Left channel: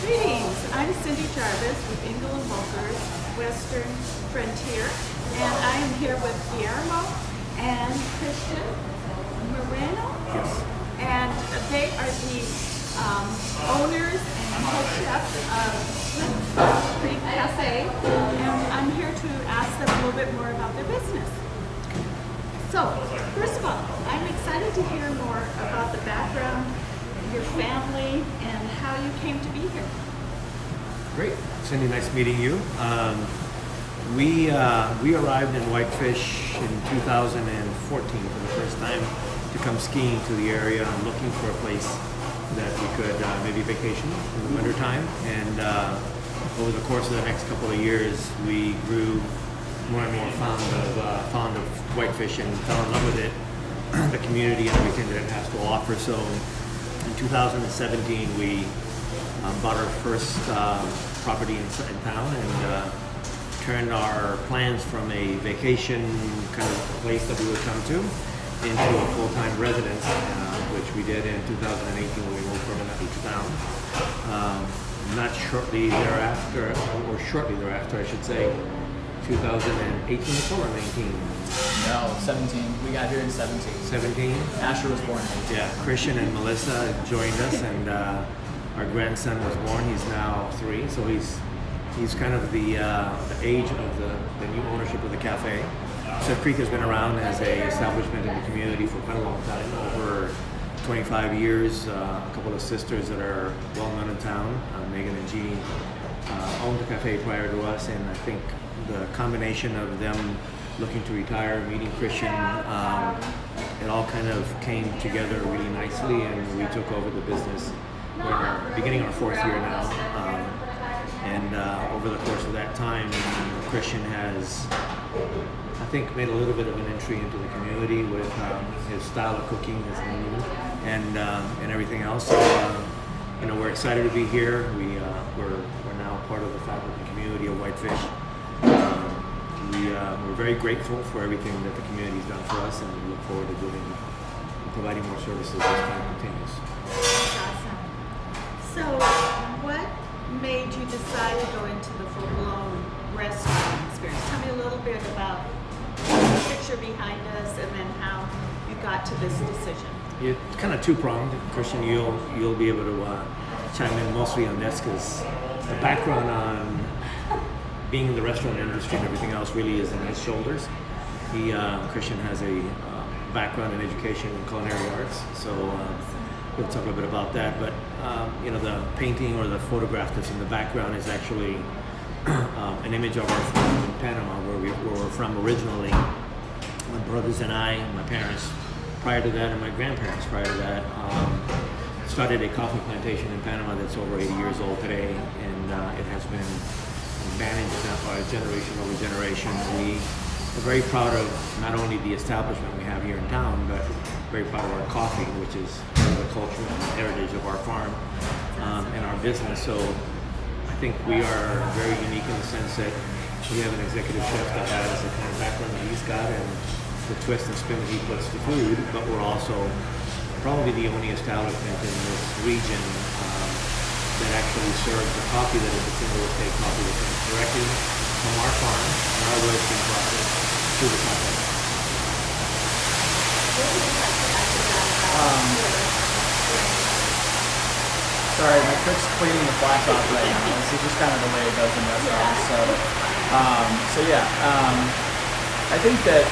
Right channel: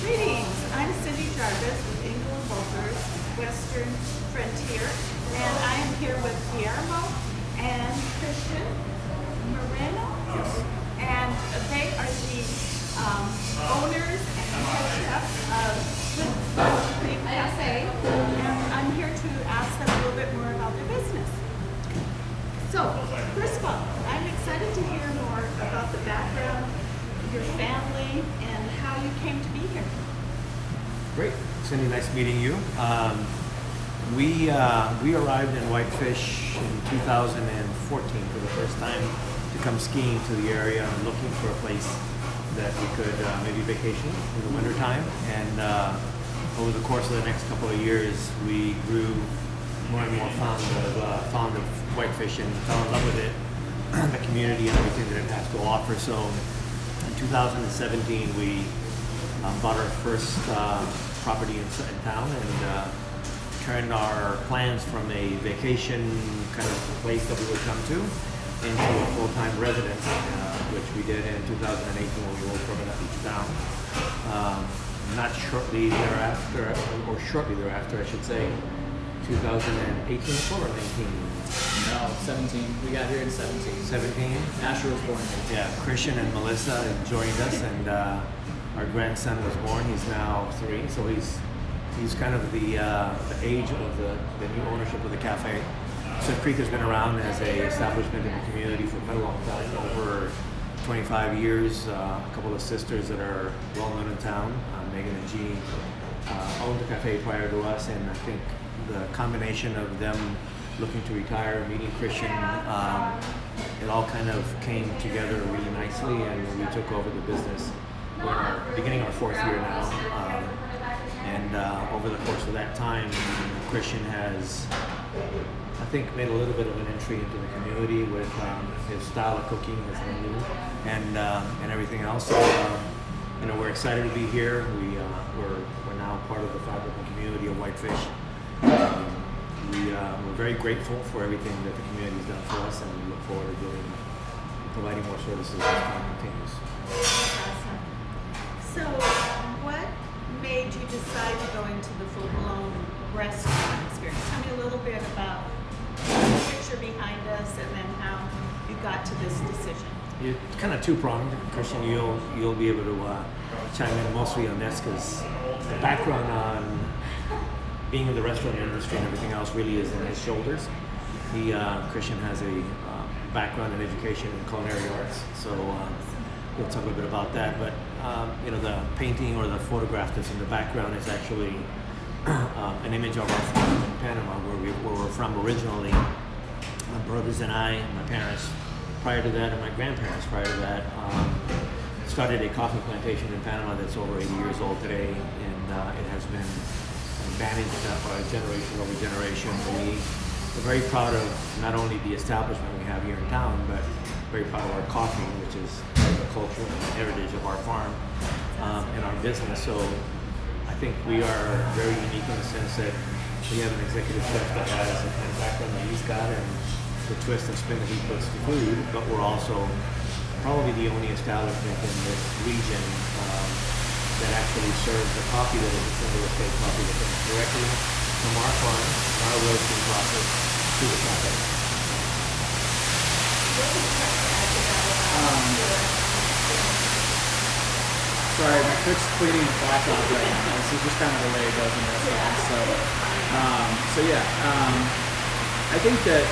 Greetings, I'm Cindy Jarvis with Engel and Volker's Western Frontier, and I am here with Guillermo and Christian Moreno. Yes. And they are the owners and head chefs of Whitefish Creek Cafe, and I'm here to ask them a little bit more about their business. So, first of all, I'm excited to hear more about the background, your family, and how you came to be here. Great. Cindy, nice meeting you. We arrived in Whitefish in 2014 for the first time to come skiing to the area and looking for a place that we could maybe vacation in the wintertime. And over the course of the next couple of years, we grew more and more fond of Whitefish and fell in love with it, the community and everything that it has to offer. So in 2017, we bought our first property in town and turned our plans from a vacation kind of place that we would come to into a full-time residence, which we did in 2018 when we moved permanently to town. Not shortly thereafter, or shortly thereafter, I should say, 2018 or 19? No, 17. We got here in 17. 17? Asher was born. Yeah, Christian and Melissa joined us, and our grandson was born. He's now 3, so he's kind of the age of the new ownership of the cafe. Cliff Creek has been around as a establishment in the community for quite a long time, over 25 years. A couple of sisters that are well known in town, Megan and Jeannie, owned the cafe prior to us, and I think the combination of them looking to retire, meeting Christian, it all kind of came together really nicely, and we took over the business. We're beginning our 4th year now, and over the course of that time, Christian has, I think, made a little bit of an entry into the community with his style of cooking, his menu, and everything else. So, we're excited to be here. We're now part of the fabric and community of Whitefish. We're very grateful for everything that the community's done for us, and we look forward to providing more services as time continues. Awesome. So, what made you decide to go into the full-blown restaurant experience? Tell me a little bit about the picture behind us, and then how you got to this decision. It's kind of two-pronged. Christian, you'll be able to chime in mostly on this, because the background on being in the restaurant industry and everything else really is in his shoulders. Christian has a background in education and culinary arts, so he'll talk a little bit about that. But the painting or the photograph that's in the background is actually an image of our farm in Panama, where we're from originally. My brothers and I, my parents prior to that, and my grandparents prior to that, started a coffee plantation in Panama that's over 80 years old today, and it has been managed by generation over generation. We are very proud of not only the establishment we have here in town, but very proud of our coffee, which is part of the culture and heritage of our farm and our business. So I think we are very unique in the sense that we have an executive chef that has the kind of background that he's got and the twist and spin that he puts to food, but we're also probably the only establishment in this region that actually serves the coffee that is a single estate coffee that comes directly from our farm and our roasting process to the cafe. What would you like to add to that? Sorry, my cook's cleaning the flash off right now. This is just kind of the way it goes in restaurants. I think that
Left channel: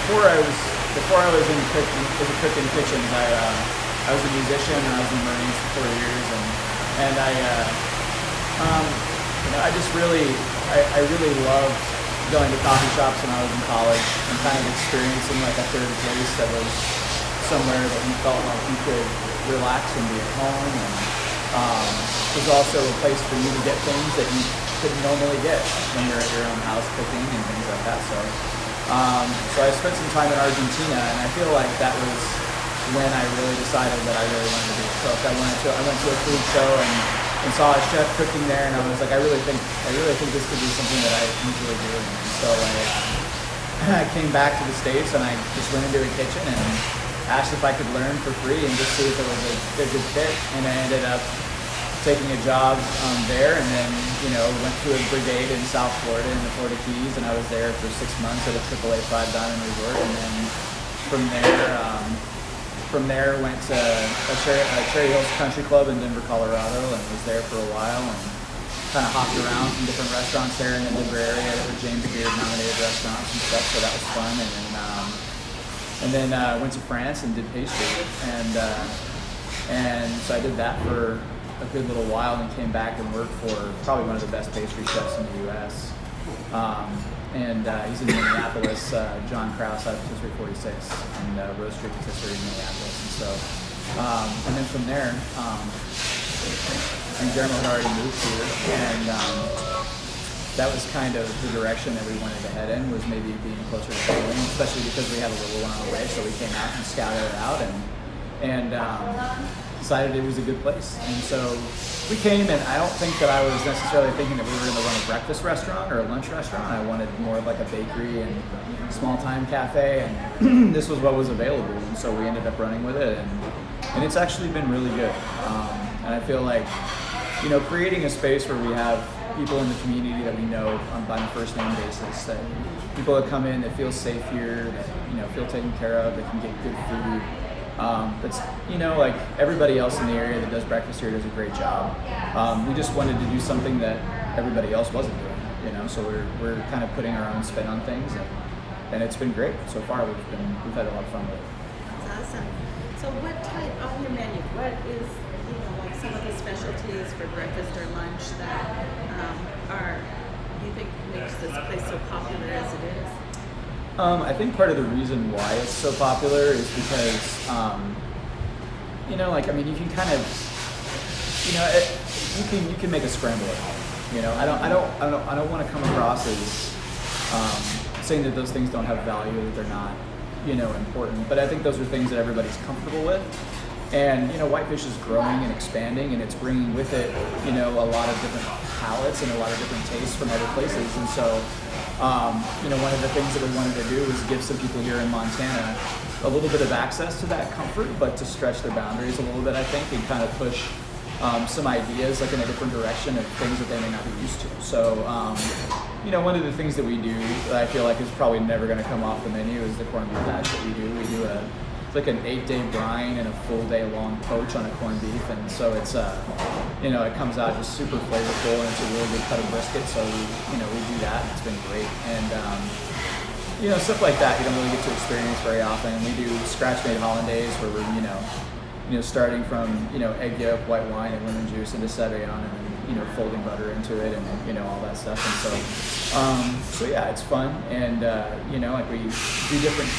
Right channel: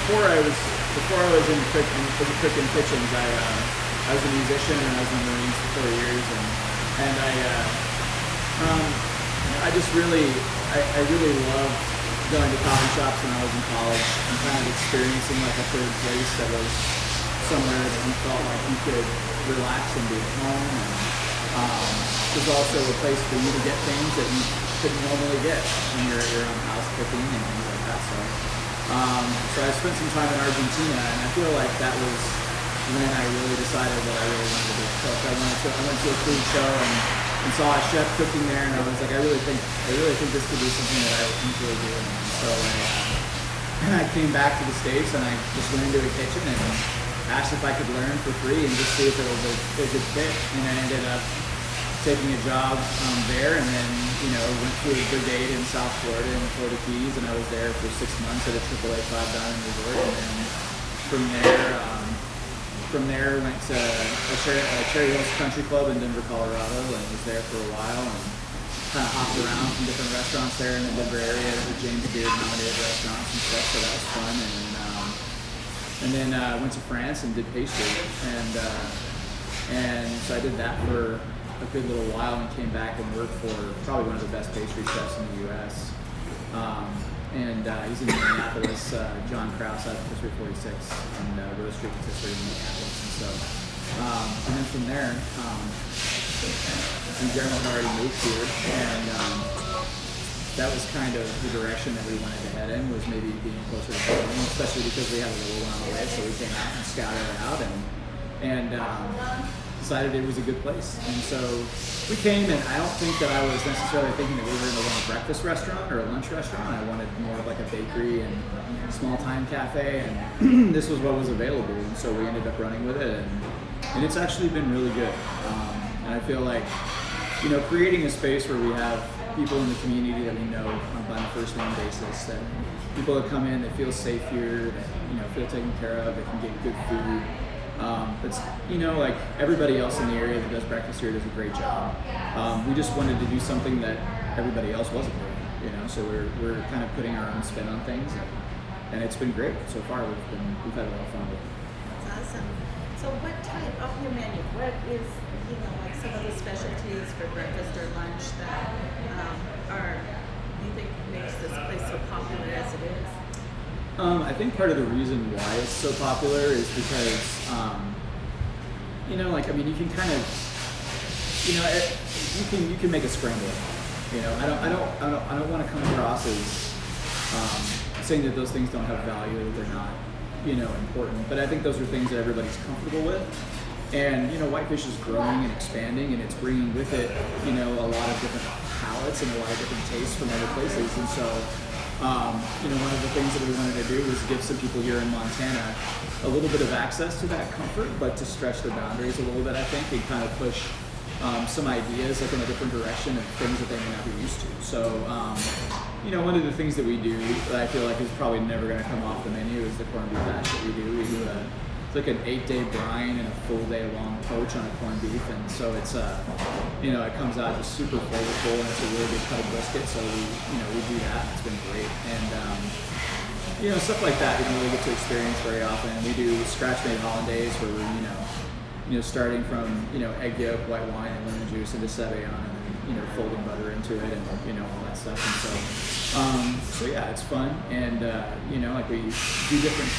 before I was in the cooking kitchens, I was a musician and I was in the Marines for 4 years, and I just really loved going to coffee shops when I was in college and kind of experiencing like a third place that was somewhere that you felt like you could relax and be at home, and it was also a place for you to get things that you couldn't normally get when you're at your own house cooking and things like that. So I spent some time in Argentina, and I feel like that was when I really decided that I really wanted to be a cook. I went to a food show and saw a chef cooking there, and I was like, I really think this could be something that I enjoy doing. And so I came back to the States, and I just went into the kitchen and asked if I could learn for free and just see if it was a good fit. And I ended up taking a job there, and then went to a brigade in South Florida in the Florida Keys, and I was there for 6 months at a AAA 5-diamond resort, and then from there went to a Cherry Hills Country Club in Denver, Colorado, and was there for a while and kind of hopped around from different restaurants there in the Denver area. There were James Beard nominated restaurants and stuff, so that was fun. And then went to France and did pastry, and so I did that for a good little while and came back and worked for probably one of the best pastry chefs in the U.S. He's in Minneapolis, John Krause out of History 46 and Roastery Rotisserie in Minneapolis. And so, and then from there, Guillermo had already moved here, and that was kind of the direction that we wanted to head in, was maybe being closer to home, especially because we had a little one on the way, so we came out and scouted it out and decided it was a good place. And so we came, and I don't think that I was necessarily thinking that we were going to run a breakfast restaurant or a lunch restaurant. I wanted more of like a bakery and small-time cafe, and this was what was available, and so we ended up running with it, and it's actually been really good. And I feel like, creating a space where we have people in the community that we know on a first name basis, that people that come in that feel safe here, that feel taken care of, that can get good food. It's like everybody else in the area that does breakfast here does a great job. We just wanted to do something that everybody else wasn't doing, so we're kind of putting our own spin on things, and it's been great so far. We've had a lot of fun with it. That's awesome. So what type on your menu? What is like some of the specialties for breakfast or lunch that you think makes this place so popular as it is? I think part of the reason why it's so popular is because, you can kind of, you can make a scramble at home. I don't want to come across as saying that those things don't have value, that they're not, important. But I think those are things that everybody's comfortable with. And Whitefish is growing and expanding, and it's bringing with it, a lot of different palates and a lot of different tastes from other places. And so, one of the things that we wanted to do is give some people here in Montana a little bit of access to that comfort, but to stretch their boundaries a little bit, I think, and kind of push some ideas like in a different direction of things that they may not be used to. So, one of the things that we do that I feel like is probably never going to come off the menu is the corned beef hash that we do. We do like an 8-day brine and a full day long poach on a corned beef, and so it's it comes out just super flavorful, and it's a really good cut of brisket. So we do that, and it's been great. And stuff like that you don't really get to experience very often. We do scratch made hollandaise where we're starting from egg yolk, white wine, and lemon juice into Sauvignon, and then folding butter into it, and all that stuff. And so yeah, it's fun, and like we do different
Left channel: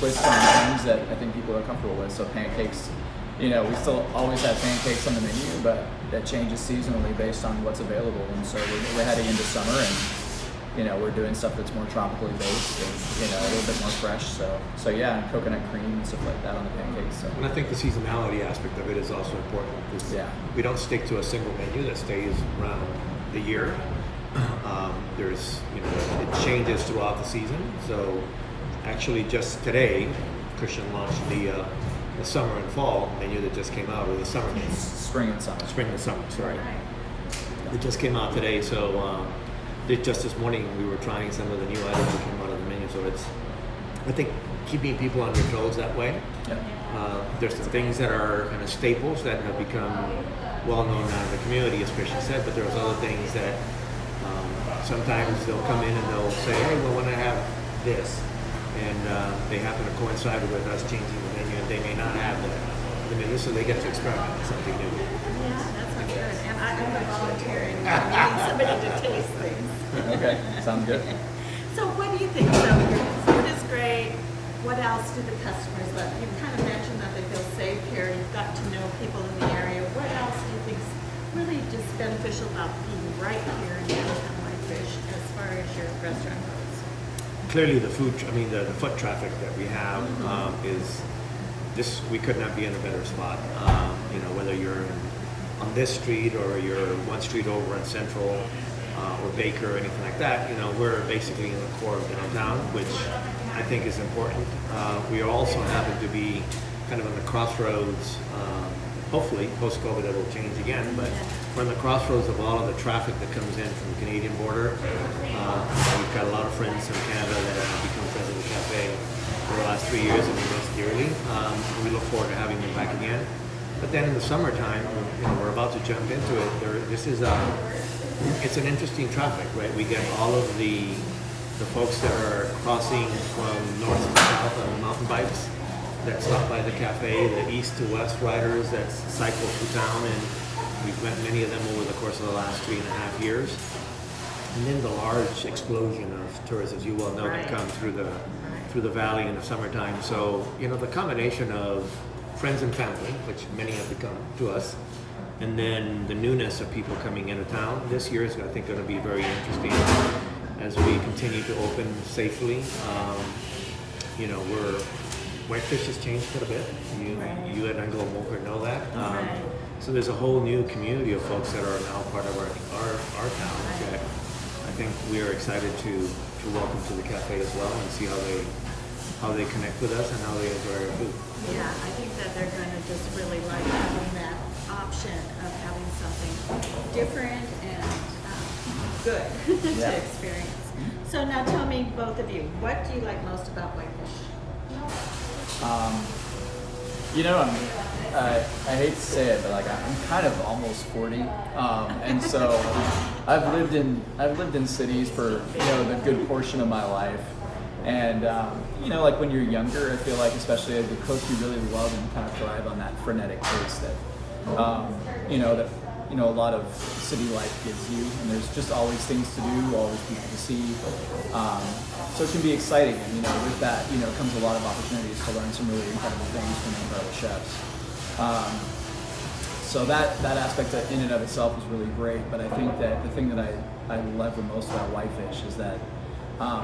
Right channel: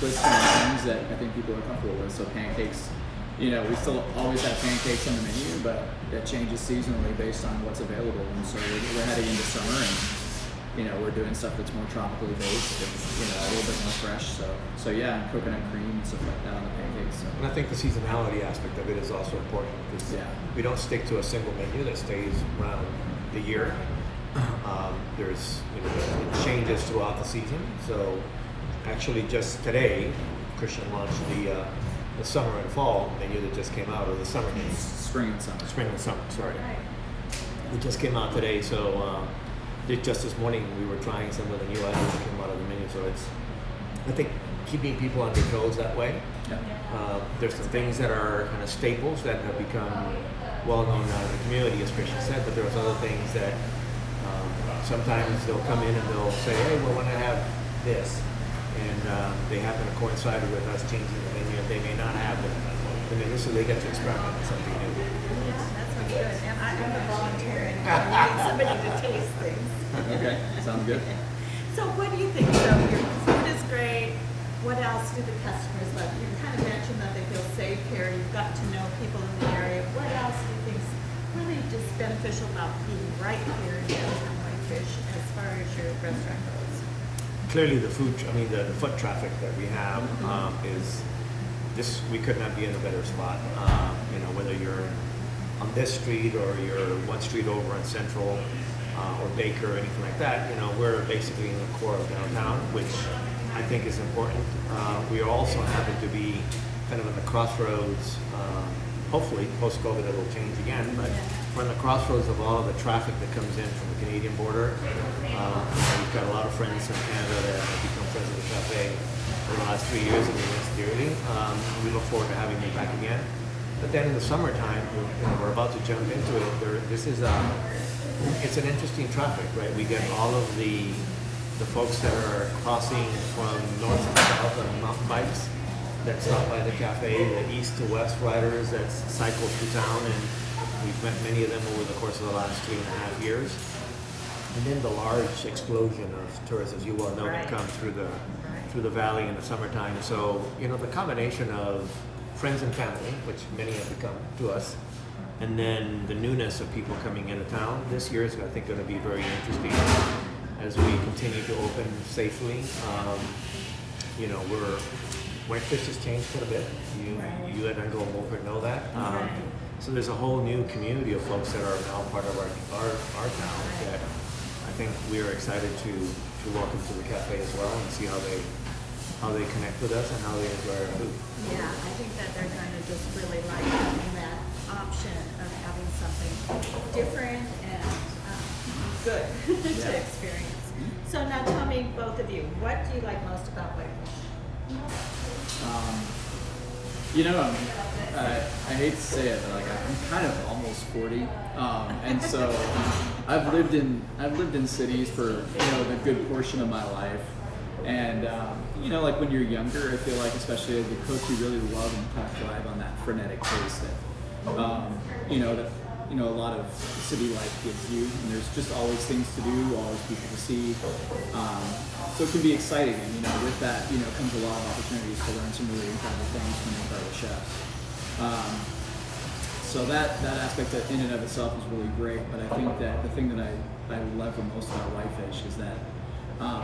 twists on things that I think people are comfortable with. So pancakes, we still always have pancakes on the menu, but that changes seasonally based on what's available. And so we're heading into summer, and we're doing stuff that's more tropically based and a little bit more fresh. So yeah, and coconut cream and stuff like that on the pancakes. So. And I think the seasonality aspect of it is also important, because we don't stick to a single menu that stays around the year. There's it changes throughout the season. So actually, just today, Christian launched the summer and fall menu that just came out, or the summer menu. Spring and summer. Sorry. It just came out today, so just this morning we were trying some of the new items that came out of the menu. So it's, I think, keeping people on their toes that way. Yeah. There's some things that are kind of staples that have become well known out of the community, as Christian said, but there's other things that sometimes they'll come in and they'll say, hey, well, when I have this, and they happen to coincide with us changing the menu, and they may not have the menu, so they get to experiment with something new. Yeah, that sounds good. And I'm a volunteering. I need somebody to taste things. Okay, sounds good. So what do you think? So your food is great. What else do the customers love? You kind of mentioned that they feel safe here. You've got to know people in the area. What else do you think is really just beneficial about being right here in downtown Whitefish as far as your restaurant goes? Clearly, the foot traffic that we have is this. We could not be in a better spot. Whether you're on this street or you're one street over in Central or Baker or anything like that, we're basically in the core of downtown, which I think is important. We also happen to be kind of in the crossroads hopefully, post-COVID, it'll change again, but we're in the crossroads of all of the traffic that comes in from the Canadian border. We've got a lot of friends from Canada that have become friends of the cafe over the last 3 years, and we miss dearly. We look forward to having them back again. But then in the summertime, we're about to jump into it. It's an interesting traffic, right? We get all of the folks that are crossing from north to south on mountain bikes that stop by the cafe, the east to west riders that cycle through town, and we've met many of them over the course of the last 3.5 years. And then the large explosion of tourists, as you well know, that come through the valley in the summertime. So, the combination of friends and family, which many have become to us, and then the newness of people coming into town. This year is, I think, going to be very interesting as we continue to open safely. Whitefish has changed quite a bit. You at Anglo Moker know that. So there's a whole new community of folks that are now part of our town that I think we are excited to welcome to the cafe as well and see how they connect with us and how they enjoy our food. Yeah, I think that they're going to just really like having that option of having something different and good to experience. So now tell me, both of you, what do you like most about Whitefish? I hate to say it, but I'm kind of almost 40, and so I've lived in cities for the good portion of my life, and when you're younger, I feel like, especially as a cook, you really love and kind of thrive on that frenetic pace that a lot of city life gives you, and there's just always things to do, always people to see. So it can be exciting, and with that, comes a lot of opportunities to learn some really incredible things from incredible chefs. So that aspect in and of itself is really great. But I think that the thing that I love the most about Whitefish is that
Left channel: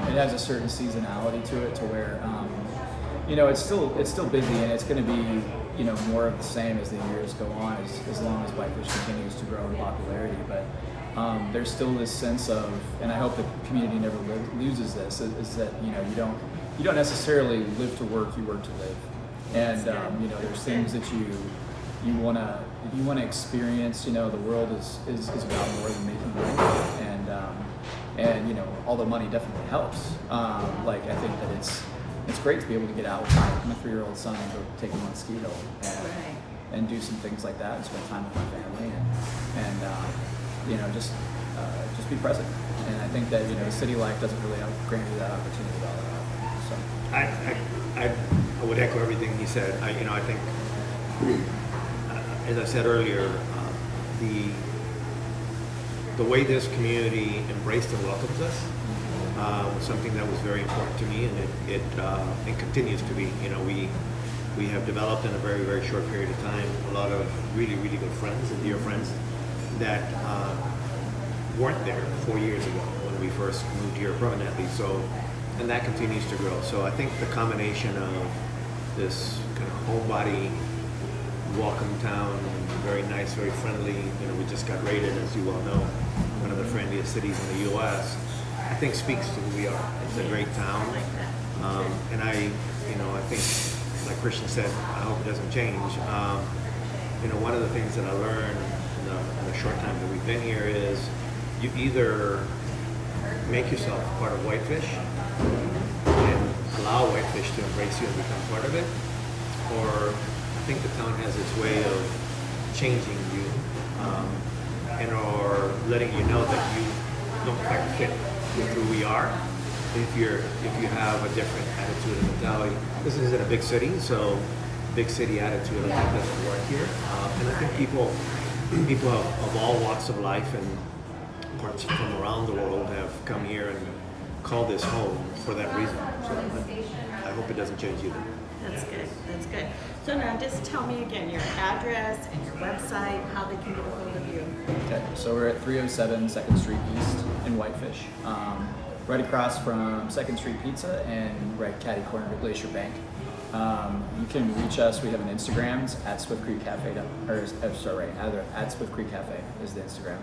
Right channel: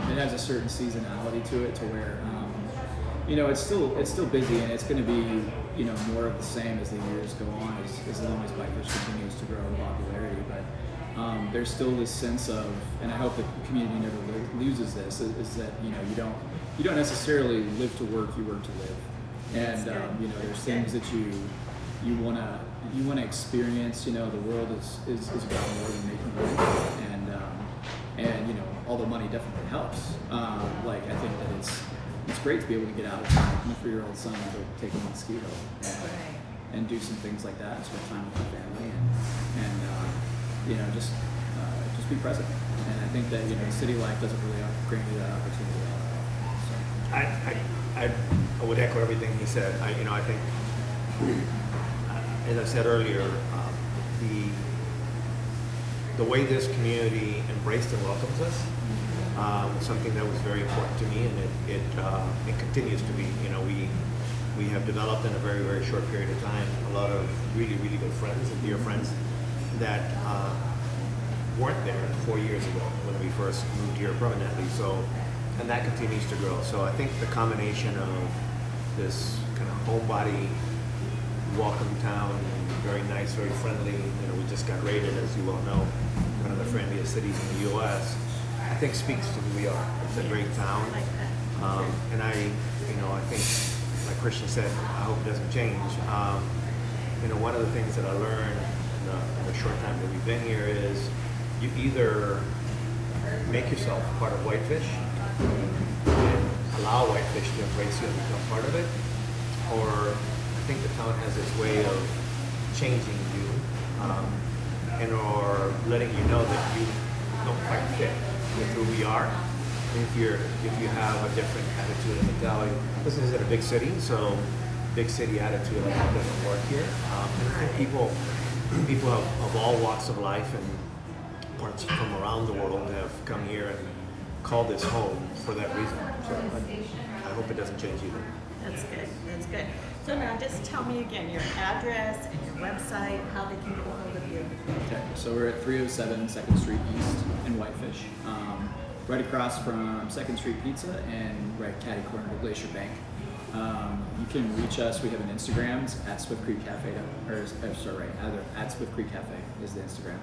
it has a certain seasonality to it, to where it's still busy, and it's going to be more of the same as the years go on, as long as Whitefish continues to grow in popularity. But there's still this sense of, and I hope the community never loses this, is that you don't necessarily live to work, you work to live, and there's things that you want to experience. The world is about more than making money, and although money definitely helps, I think that it's great to be able to get out with my 3-year-old son and go take him on ski hill and do some things like that and spend time with my family and just be present. And I think that city life doesn't really grant you that opportunity all that often. So I would echo everything he said. I think, as I said earlier, the way this community embraced and welcomes us was something that was very important to me, and it continues to be. We have developed in a very, very short period of time a lot of really, really good friends and dear friends that weren't there 4 years ago when we first moved here permanently. So, and that continues to grow. So I think the combination of this kind of homebody, welcome town, very nice, very friendly. We just got rated, as you well know, one of the friendliest cities in the U.S. I think speaks to who we are. It's a great town. I like that. And I think, like Christian said, I hope it doesn't change. One of the things that I learned in the short time that we've been here is you either make yourself part of Whitefish and allow Whitefish to embrace you and become part of it, or I think the town has its way of changing you or letting you know that you don't quite fit with who we are. If you have a different attitude and mentality, this is in a big city, so big city attitude I think doesn't work here. And I think people of all walks of life and parts from around the world have come here and called this home for that reason. So I hope it doesn't change either. That's good. That's good. So now just tell me again your address and your website, how they can get a hold of you. Okay, so we're at 307 2nd Street East in Whitefish, right across from 2nd Street Pizza and right catty corner to Glacier Bank. You can reach us. We have an Instagram. It's at Swift Creek Cafe, at Swift Creek Cafe is the Instagram.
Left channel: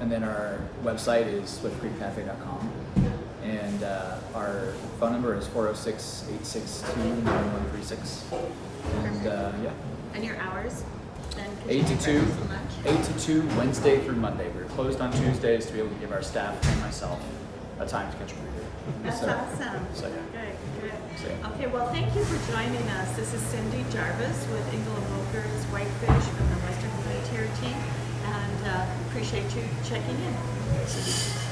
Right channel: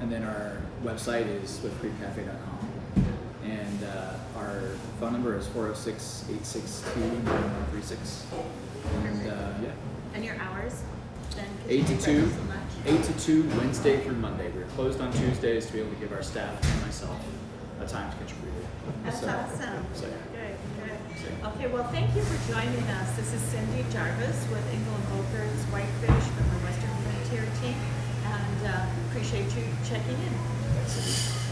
And then our website is swiftcreekcafe.com. And our phone number is 406-862-9136. And yeah. And your hours? then could 8 you to do 2, breakfast and lunch? 8 to 2, Wednesday through Monday. We're closed on Tuesdays to be able to give our staff and myself a time to contribute. That's So- awesome. so, yeah. Good. So- Okay, well, thank you for joining us. This is Cindy Jarvis with Engel and Bogert's Whitefish from the Western Frontier team, and appreciate you checking in.